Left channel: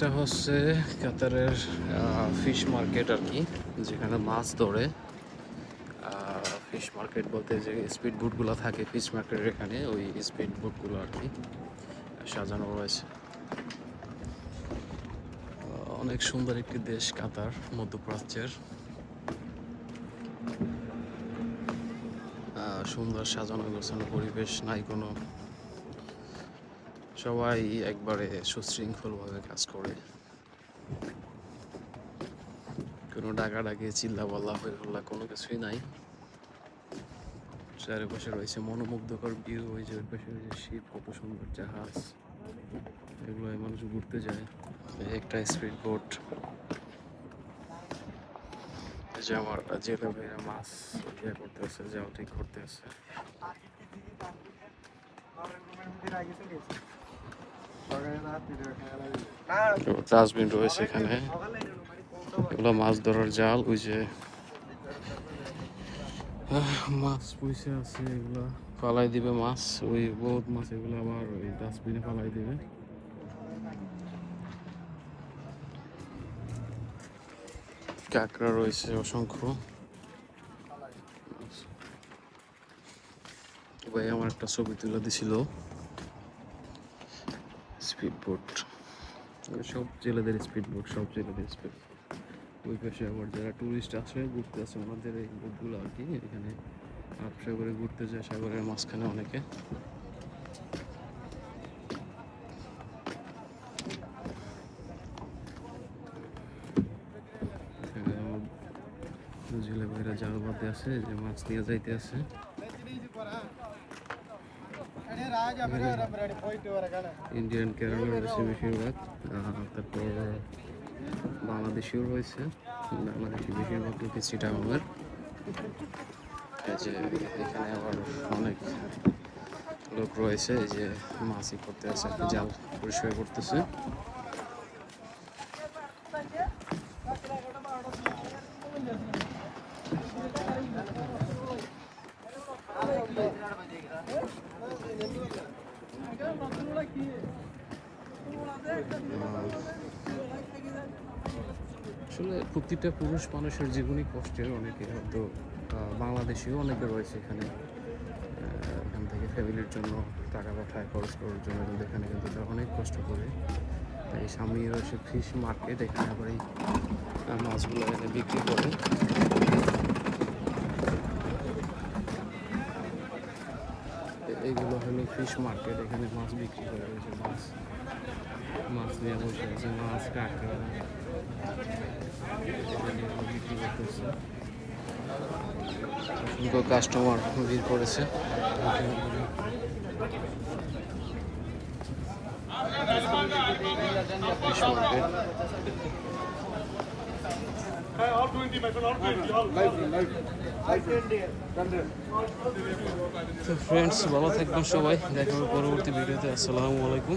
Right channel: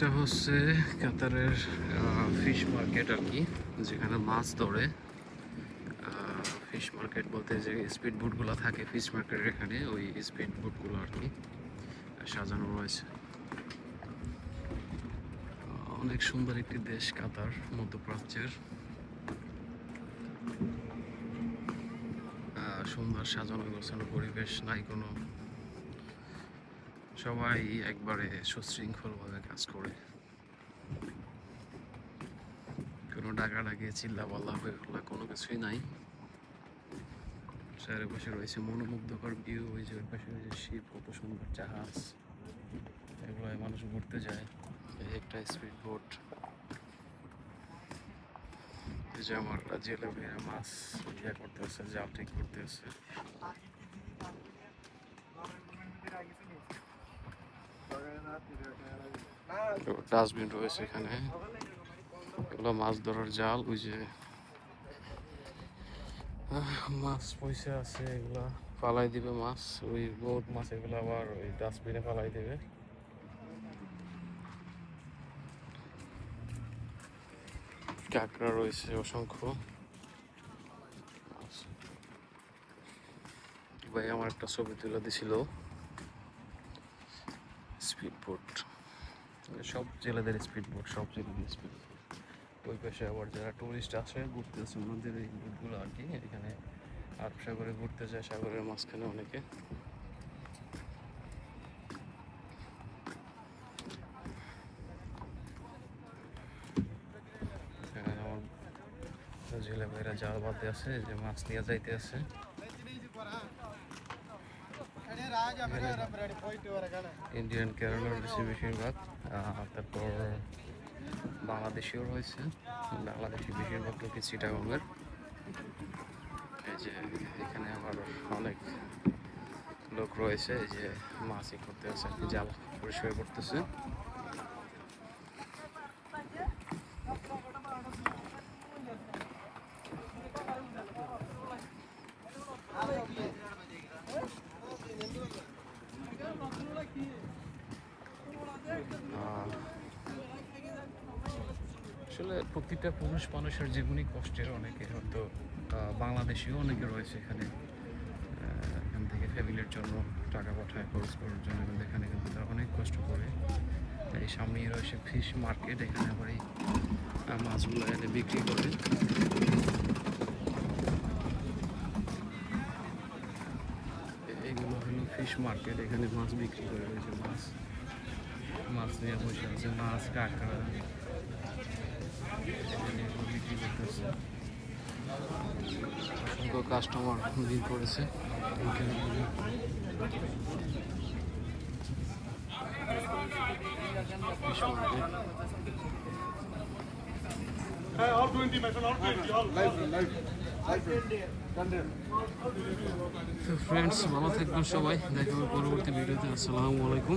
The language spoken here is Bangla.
এটা হচ্ছে কাতারের ফিশ মার্কেট আর কি, যেখানে মাছ ধরে। ফিশ মার্কেট বলতে যে স্পিড বোটগুলো থাকে ফিশ মার্কেটের এখানে, ওই স্পিড বোটগুলো আর কি, সাজানো রয়েছে। অনেক সুন্দর একটি দেশ কাতার, মধ্যপ্রাচ্যের। সুন্দর সাজানো গোছানো পরিবেশ, নাই কোনো সবাই একবারে সুশৃঙ্খলভাবে কাজ করে। কোনো ডাকাডাকি চিল্লা পাল্লা হয়ে কোনো কিছুই নাই। চারিপাশে রয়েছে মনোমুগ্ধকর ভিউ ওই যে ওই পাশে রয়েছে শিপ কত সুন্দর জাহাজ। এগুলো মানুষ ঘুরতে যায়। একটা স্পিড বোট। যে আমার জেলে ভাইয়ের মাছ ইয়ে ঠিক করতে আছে ডাস্টবিন রয়েছে এখানে। এগুলো মাছ ধরার জাল, ওই যে মাছ পয়সা আছে এগুলো। ফালাই দিবে মাছ, ওই বহুত মাছ এগুলো আবার ওই ডাস্টবিনে ফালাই দিবে। কাঁকড়া রয়েছে অসংখ্য। ভাই আমার একটা ছবি তুলে দিছিল। স্পিড বোট সব জেলেদের স্পিড বোট সব জেলেদের স্পিড। ওই পাশে আবার যারা টুরিস্ট আছে, ঘুরতে আছে ওনাদের এই বোটগুলো আর কি, এখানে আট সাগরে ঘুরতে যায়, সাগরের মাঝখানে অনেকে। জিলাপিরা জাল বাঁধে আছে, যে মাছ নিয়ে যাইতে আছে ইন্ডিয়ান কেরালা রয়েছে বেশিরভাগ তারপর বাংলাদেশিও রয়েছে বাংলাদেশি বেশিরভাগ লোকে চিটাগঙ্গের যে এখানে আবার অনেক লোক রয়েছে এই যে মাছই করতে আছে জাল পরিষ্কার করতেছে আসলে প্রতিটা পুরুষ মানুষের জীবনই কষ্টের, অনেকে হয়তো বাংলাদেশিও অনেকে রয়েছে এখানে এখান থেকে ফ্যামিলির জন্য টাকা পাঠায়, খরচ করার জন্য, কিন্তু এখানে কিন্তু অনেক কষ্ট করে। এই সামনেই রয়েছে ফিশ মার্কেট এখানে আবার এই মাছগুলো এনে বিক্রি করে। এ- এইগুলো হলো ফিশ মার্কেট এখানে মাছ বিক্রি করে রয়েছে মাছ মাছ নিয়ে বসে আছে মাছ কাঁকড়া বিক্রি করতেছে অসংখ্য কাস্টমার ভিড় করেছে ফিশ মার্কেট ফ্রেন্ডস ভালো থাকবেন সবাই। দেখা হবে পরবর্তী ভিডিওতে। আসসালামু আলাইকুম।